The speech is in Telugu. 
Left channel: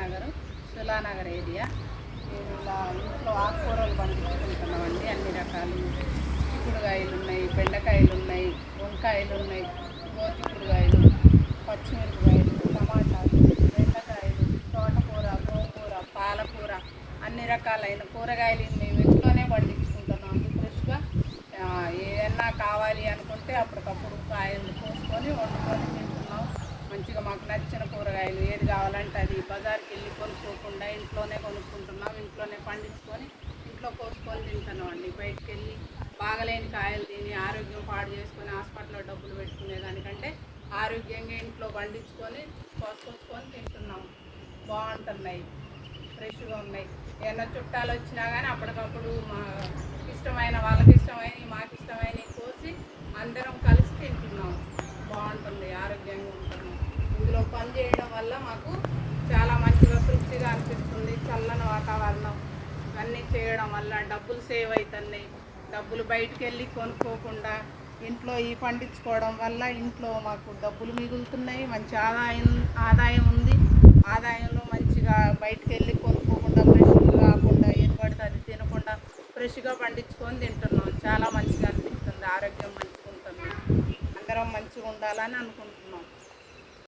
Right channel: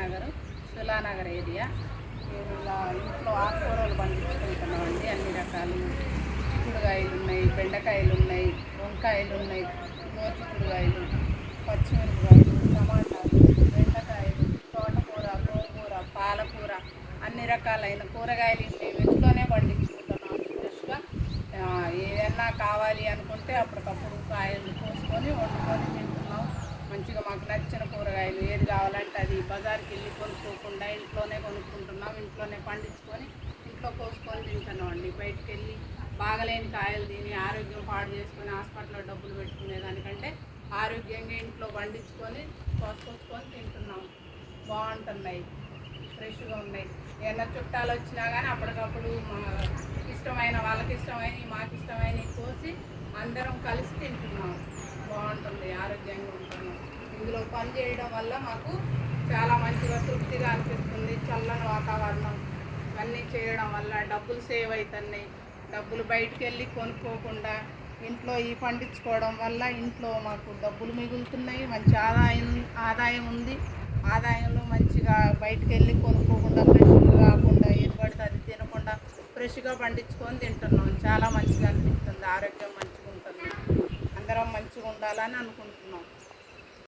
నగర్ సులానగర్ ఏరియా. మేము ఇలా ఇంట్లో ఆకుకూరలు పండించుకుంటున్నామండి. అన్ని రకాలు చిక్కుడుకాయలు ఉన్నాయి, బెండకాయలు ఉన్నాయి, వంకాయలు ఉన్నాయి, గోచిక్కుడుకాయలు, పచ్చిమిరపకాయలు, టమాటాలు, బెండకాయలు, తోటకూర, గోంగూర, పాలకూర, అన్ని రకాలైన కూరగాయలు మేము ఇంట్లోనే పండించుకుంటున్నాం. ఫ్రెష్గా ఏదన్నా కావాలి అనుకుంటే అప్పటికప్పుడు కాయలు కోసుకొని వండుకొని తింటున్నాం. మంచిగా మాకు నచ్చిన కూరగాయలు ఏది కావాలంటే అది బజార్కి వెళ్ళి కొనుక్కోకుండా ఇంట్లోనే కొనుక్కుంటున్నాం. ఇంట్లోనే పండించుకొని ఇంట్లో కోసుకొని తింటున్నాం అండి. బయటకు వెళ్ళి బాగలేని కాయలు తిని ఆరోగ్యం పాడు చేసుకొని హాస్పిటల్లో డబ్బులు పెట్టుకునే దానికంటే ఆరోగ్యంగా ఇంట్లో పండించుకొని కోసుకొని తింటున్నాం. బాగుంటున్నాయి, ఫ్రెష్గా ఉన్నాయి. ఏమన్నా చుట్టాలు వచ్చినా కానీ అప్పటికప్పుడు మా ఇష్టమైన వాళ్ళకి ఇష్టమైన మాకు ఇష్టమైన కోసి అందరం కలిసి తింటున్నాం. బాగుంటుంది, ఆరోగ్యంగా ఉంటున్నాం. ఇందులో పని చేయడం వల్ల మాకు చాలా మంచిగా తృప్తిగా అనిపిస్తుంది. చల్లని వాతావరణం ఇవన్నీ చేయడం వల్ల డబ్బులు సేవ్ అవుతున్నాయి. డబ్బులు బయటికి వెళ్ళి కొనుక్కోకుండా ఇంట్లో ఈ పండించుకోవడం వల్ల ఇంట్లో మాకు డబ్బులు మిగులుతున్నాయి. మంచి ఆదాయం ఉంది. ఆదాయంలో మంచిగా బయటికి వెళ్ళి కొనుక్కోకుండా ఫ్రెష్గా కాకుండా ఏది పడితే అది తినకుండా ఫ్రెష్గా పండించుకొని తింటున్నాం. చాలా మంచిగా అనిపిస్తుంది, ఆరోగ్యం మంచిగా ఉంటుంది. అందరం మంచిగా ఉండాలని అనుకుంటున్నాం.